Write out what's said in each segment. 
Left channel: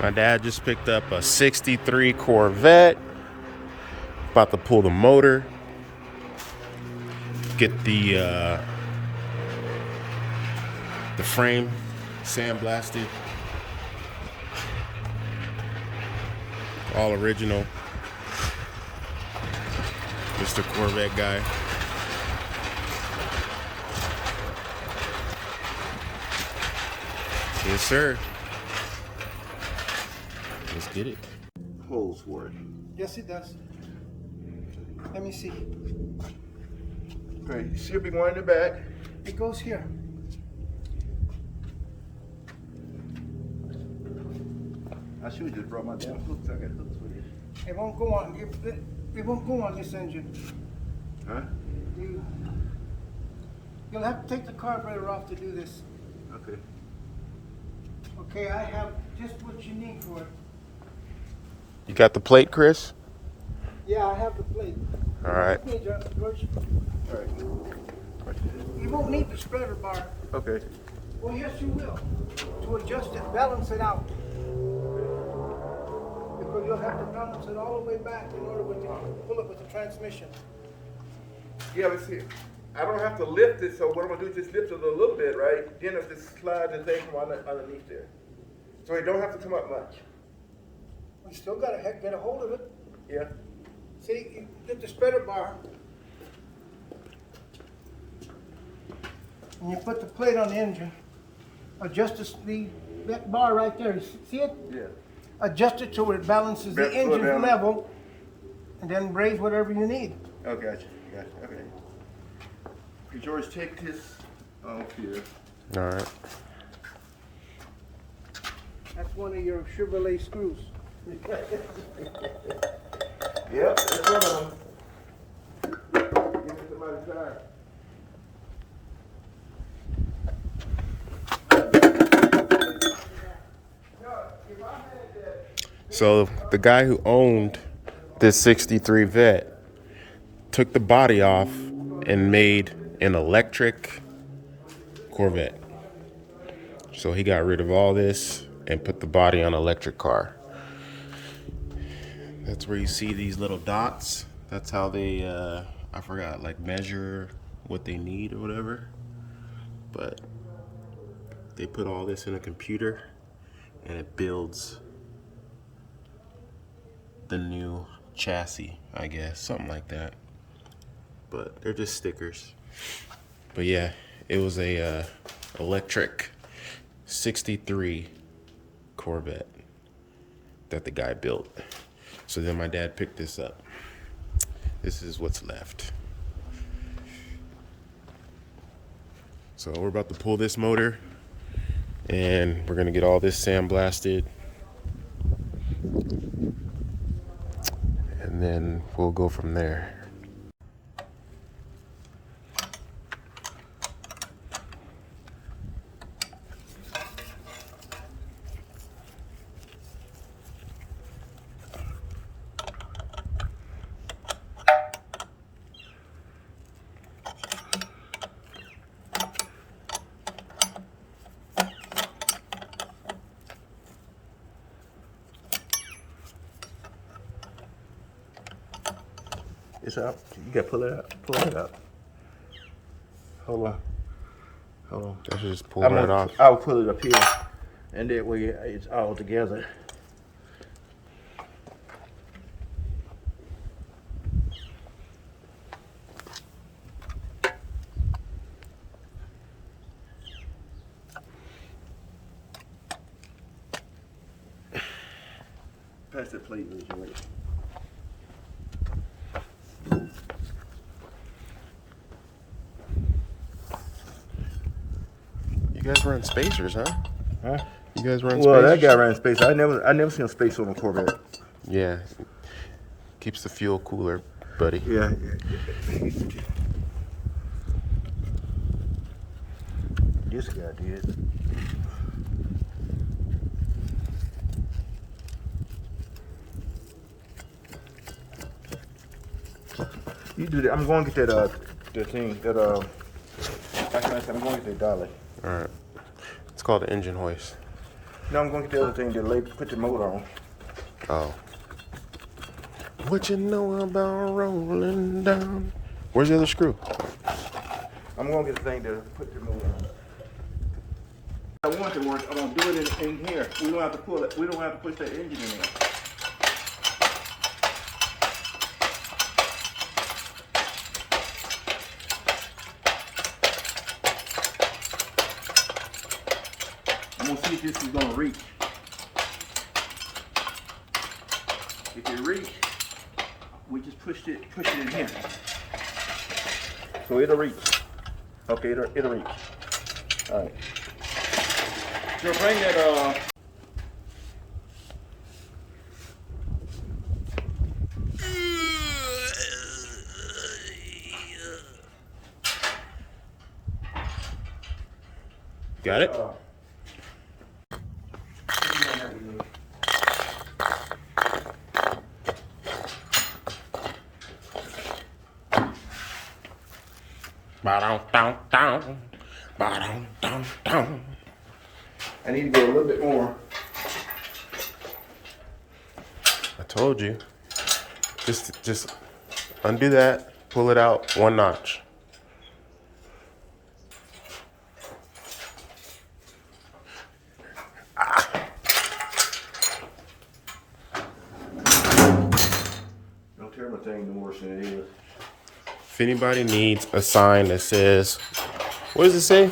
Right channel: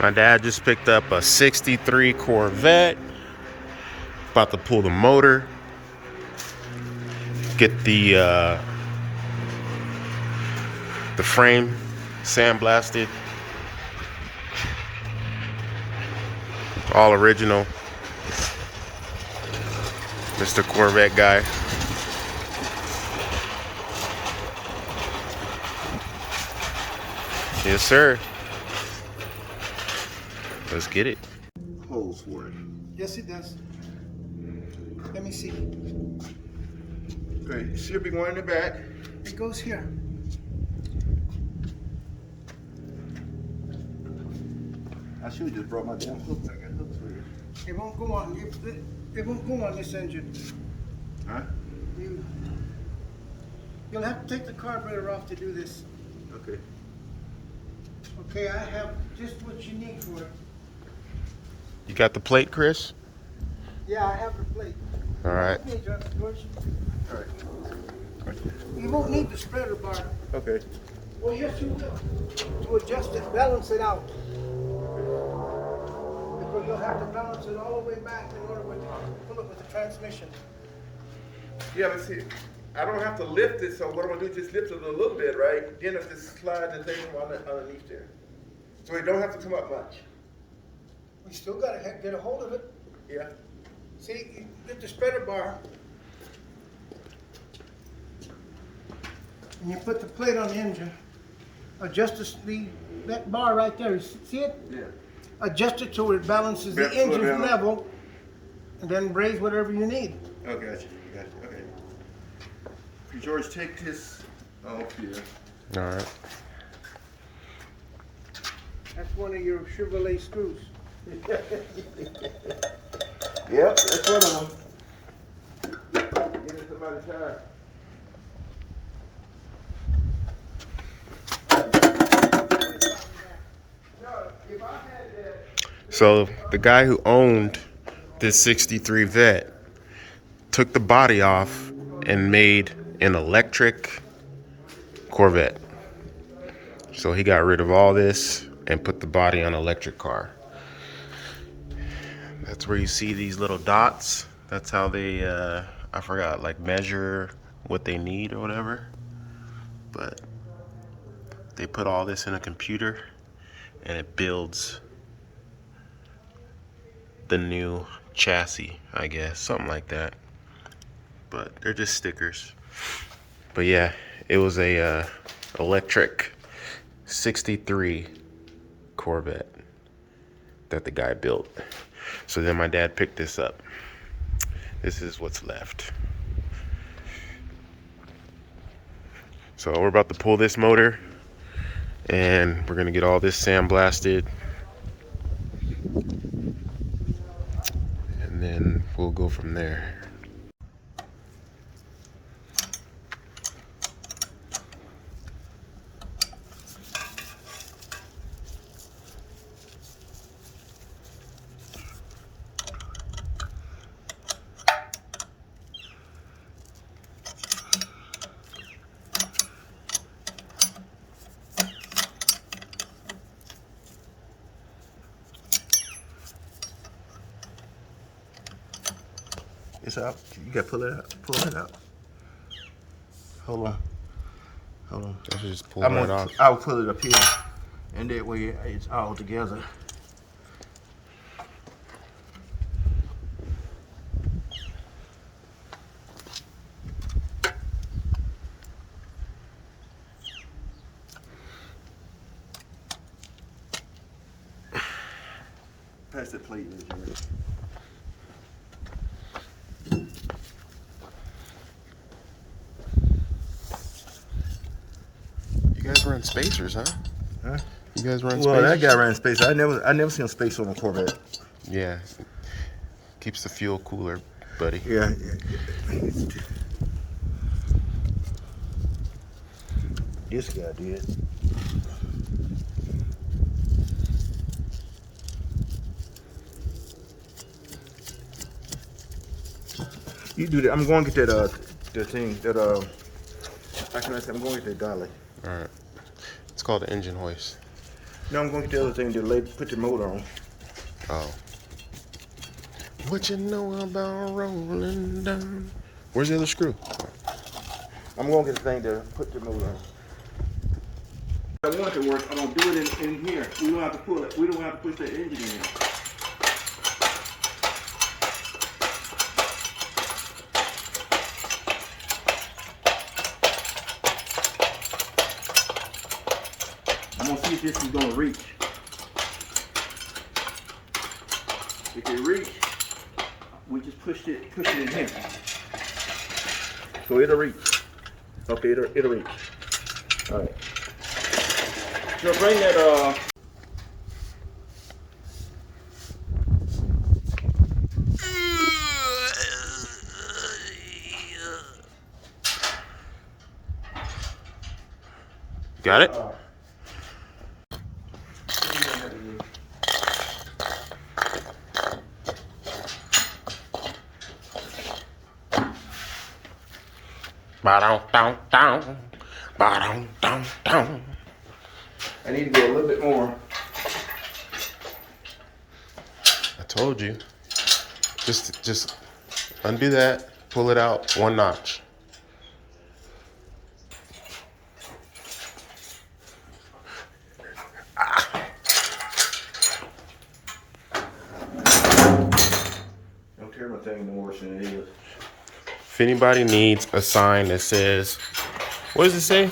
My dad just picked up a 63 Corvette. About to pull the motor. Get the frame sandblasted. All original. Mr. Corvette guy. Yes, sir. Let's get it. Holes for it. Yes, it does. Let me see. Okay, you should be one in the back. It goes here. I should have just brought my damn hooks. I got hooks for you. It won't go on. It won't go on this engine. Huh? You'll have to take the carburetor off to do this. Okay. Okay, I have just what you need for it. You got the plate, Chris? Yeah, I have the plate. All right. Let me adjust, George. All right. You won't need the spreader bar. Okay. Well, yes, you will. To adjust it, balance it out. Because you'll have to balance it all the way back in order to pull it with the transmission. Yeah, let's see. I don't have to lift it, so what I'm gonna do is just lift it a little bit, right? Then I just slide the thing from underneath there. So it don't have to come up much. You still gotta get a hold of it. Yeah. See, you get the spreader bar. And you put the plate on the engine. Adjust that bar right there. You see it? Yeah. Adjust it so it balances the Slow engine down. level. And then raise whatever you need. Oh, gotcha. Gotcha. Okay. George, take this off here. All right. That's one of your Chevrolet screws. Yep, that's one of them. Give me somebody's tire. So the guy who owned this 63 Vet took the body off and made an electric Corvette. So he got rid of all this and put the body on an electric car. That's where you see these little dots. That's how they, I forgot, like measure what they need or whatever. But they put all this in a computer and it builds the new chassis, I guess, something like that. But they're just stickers. But yeah, it was a electric 63 Corvette that the guy built. So then my dad picked this up. This is what's left. So we're about to pull this motor and we're gonna get all this sandblasted. And then we'll go from there. It's up. You gotta pull it out. Pull it out. Hold on. Hold on. I should just pull that off. I'll pull it up here, and that way it's all together. Pass the plate, Jerry. You guys run spacers, huh? Huh? You guys run Well, spacers? that guy ran space. I never seen a space on a Corvette. Yeah. Keeps the fuel cooler, buddy. Yeah. This guy did. You do that. I'm going to get that thing that how can I say? I'm going to get that dolly. All right. It's called an engine hoist. Now I'm going to get the other thing to put the motor on. Oh. What you know about rolling down? Where's the other screw? I'm going to get the thing to put the motor on. I want it to work. I'm going to do it in here. We don't have to pull it. We don't have to push that engine in there. I'm going to see if this is going to reach. If it reach, we just push it in here. So it'll reach. Okay, it'll reach. All right. So bring that Got it? Ba-dum-dum-dum. Ba-dum-dum-dum. I need to go a little bit more. I told you. Just undo that, pull it out one notch. Don't tear my thing no worse than it is. If anybody needs a sign that says, what does it say?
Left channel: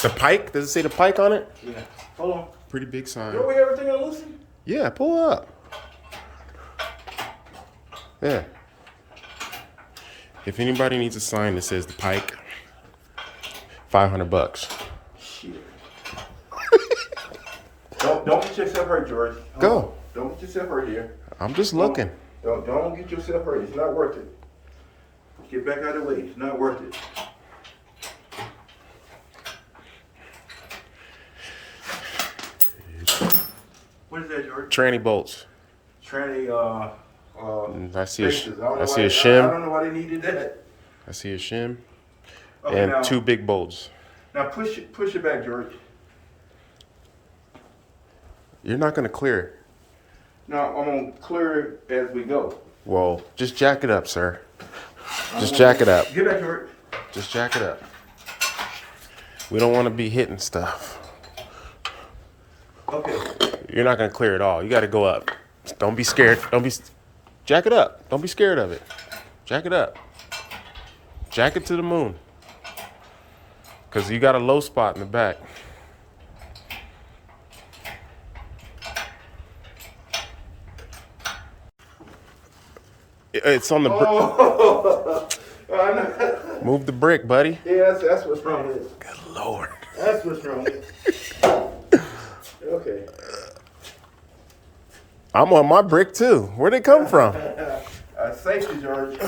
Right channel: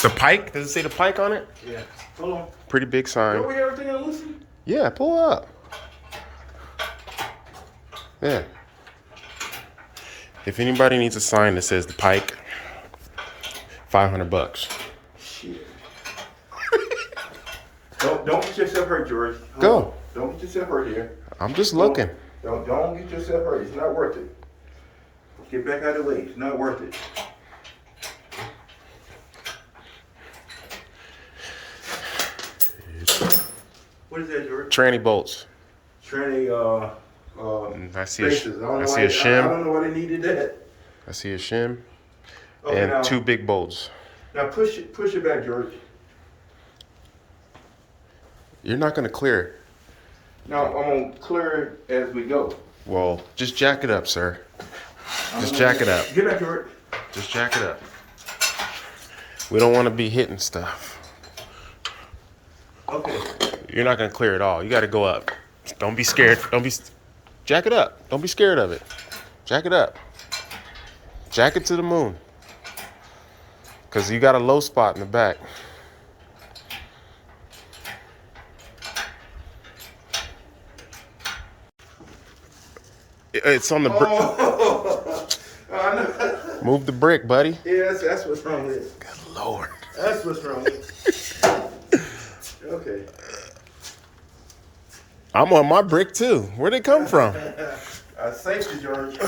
The Pike? Does it say the Pike on it? Yeah. Hold on. Pretty big sign. Are we everything in loosen? Yeah, pull up. Yeah. If anybody needs a sign that says the Pike, $500. Shit. Don't get yourself hurt, George. Go. Don't get yourself hurt here. I'm just looking. Don't get yourself hurt. It's not worth it. Get back out of the way. It's not worth it. What is that, George? Tranny bolts. Tranny, I see a spaces. I see a I shim. don't know why they needed that. I see a shim Okay, and now, two big bolts. Now push it back, George. You're not gonna clear it. Now I'm gonna clear it as we go. Well, just jack it up, sir. Just jack it up. Get back, George. Just jack it up. We don't want to be hitting stuff. Okay. You're not gonna clear it all. You got to go up. Don't be scared. Jack it up. Don't be scared of it. Jack it up. Jack it to the moon. Cause you got a low spot in the back. It's on the brick. Oh, I know. Move the brick, buddy. Yeah, that's what's wrong with it. Good Lord. That's what's wrong with it. Okay. I'm on my brick too. Where'd it come from? Safety, George.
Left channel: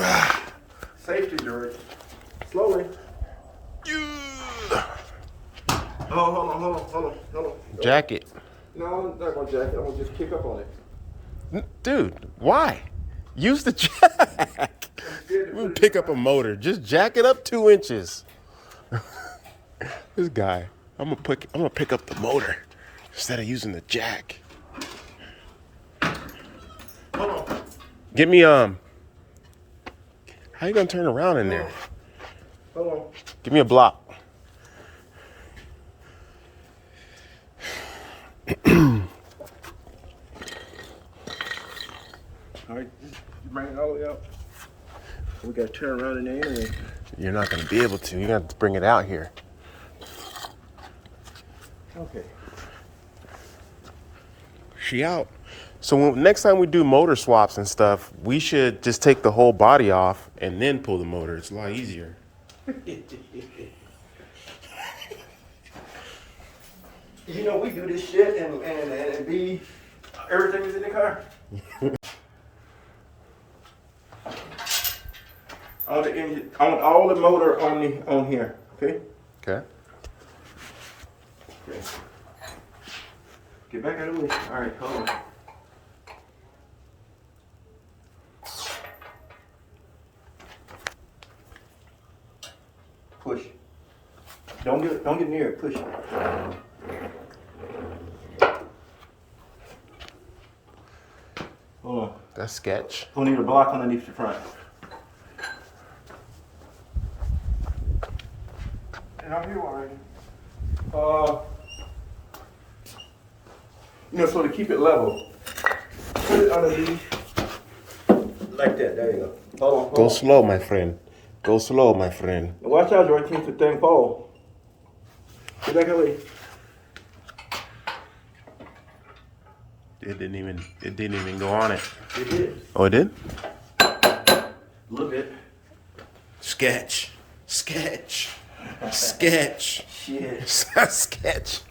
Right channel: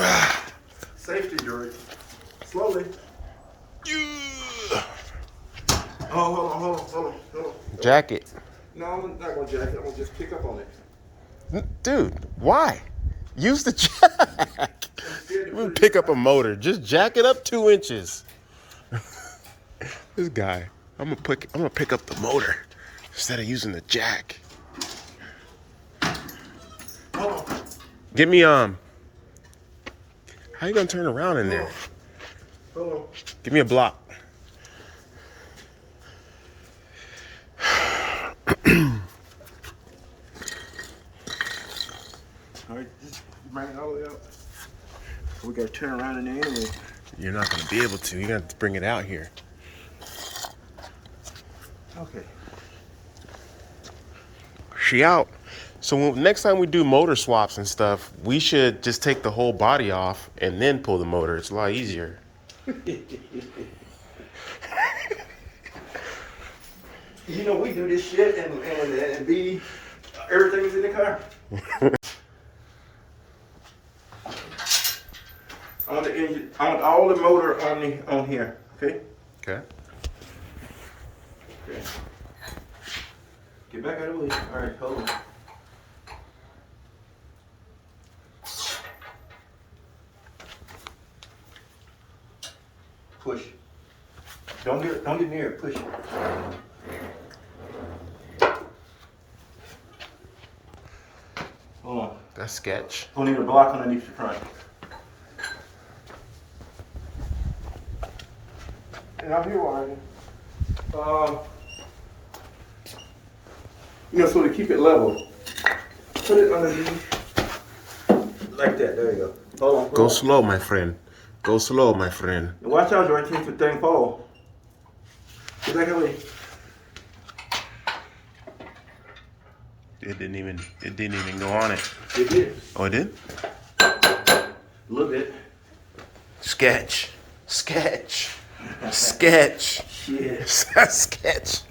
Safety, George. Slowly. Oh, hold on. Jack it. No, I'm not gonna jack it. I'm gonna just kick up on it. Dude, why? Use the jack. We pick up a motor. Just jack it up 2 inches. This guy. I'm gonna pick up the motor instead of using the jack. Hold on. Give me how you gonna turn around in there? Hold on. Give me a block. All right, just bring it all the way up. We gotta turn around in there anyway. You're not gonna be able to. You're gonna have to bring it out here. Okay. She out. So next time we do motor swaps and stuff, we should just take the whole body off and then pull the motor. It's a lot easier. You know, we do this shit and be everything's in the car. I want the engine. I want all the motor on here. Okay. Okay. Okay. Get back out of the way. All right, hold on. Push. Don't get near it. Push it. Hold on. That's sketch. We need a block underneath the front. And I'm here one. So to keep it level, put it underneath. Like that. There you go. Hold Go on. slow, my friend. Go slow, my friend. And watch out, George, in case the thing fall. Get back away. It didn't even go on it. It did. Oh, it did? A little bit. Sketch. Sketch. Sketch. Shit. Sketch.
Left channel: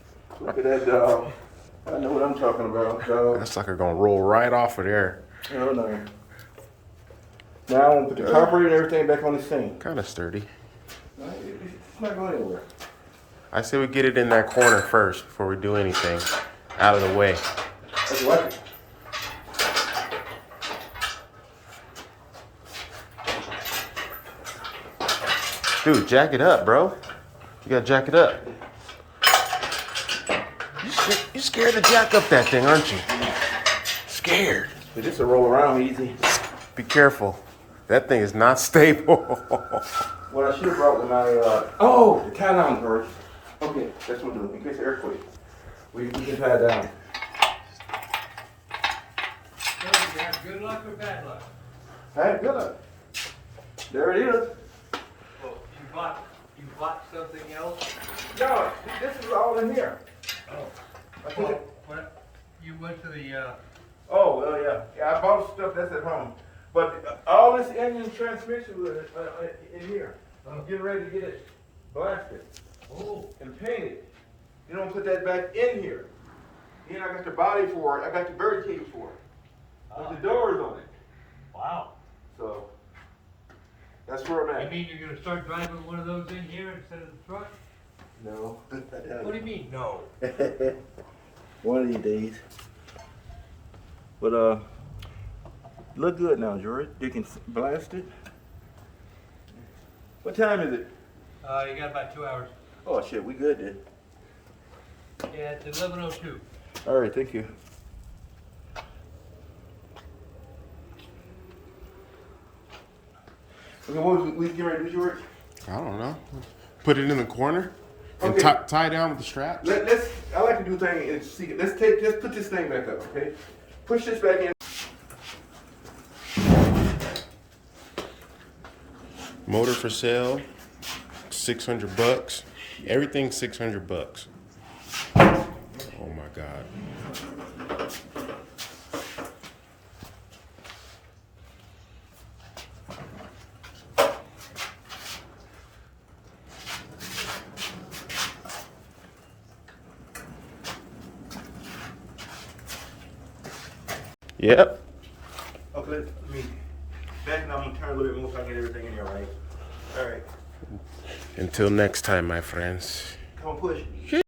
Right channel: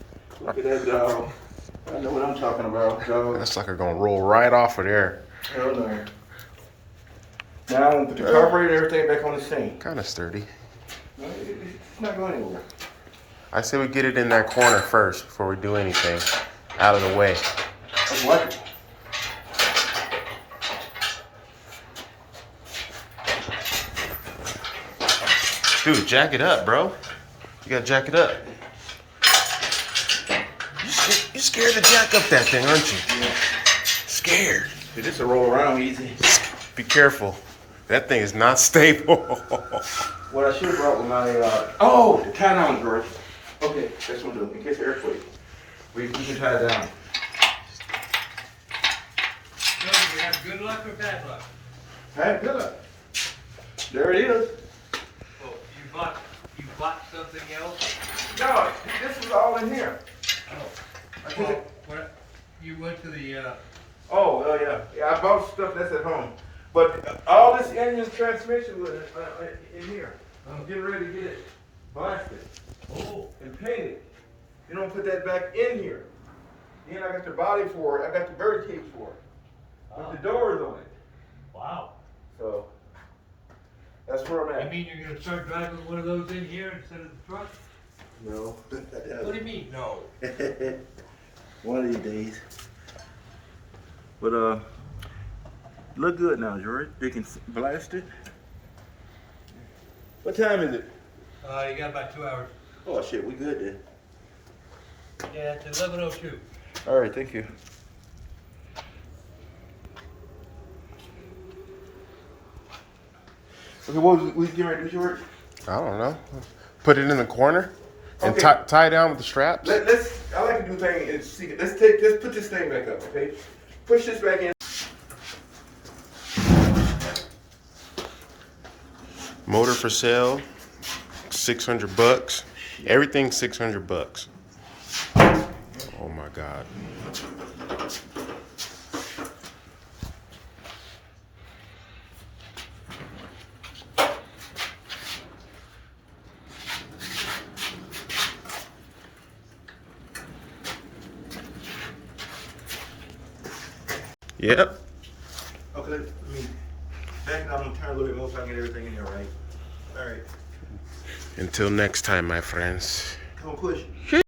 Look at that dog. I know what I'm talking about, dog. That sucker gonna roll right off of there. Hell no. Now I'm gonna put the carburetor and everything back on the scene. Kind of sturdy. No, it's not going anywhere. I say we get it in that corner first before we do anything. Out of the way. I like it. Dude, jack it up, bro. You gotta jack it up. You scared to jack up that thing, aren't you? Scared. It just a roll around easy. Be careful. That thing is not stable. What I should have brought when the tie down, George. Okay, that's what I'm doing. In case of earthquake. We can tie it down. You have good luck or bad luck? Hey, good. There it is. Well, you bought something else? No, this was all in here. Oh. Well, you went to the, Yeah. Yeah, I bought stuff that's at home. But all this engine transmission was in here. I'm getting ready to get it blasted oh, and painted. You don't put that back in here. Then I got the body for it. I got the bird cage for it. With the doors on it. wow. So that's where I'm You at. mean you're gonna start driving one of those in here instead of the truck? No. What do you mean, no? One of these days. But look good now, George. They can blast it. What time is it? You got about 2 hours. Oh shit, we good then. Yeah, it's 11:02. All right, thank you. Okay, what was we getting ready to do, George? I don't know. Put it in the corner and Okay. tie down with the straps. I like to do things in secret. Let's put this thing back up, okay? Push this back in. Motor for sale, $600. Everything $600. Oh my God. Yep. Okay, let me back it up. I'm gonna turn a little bit more so I can get everything in here, right? All right. Until next time, my friends. Come on, push.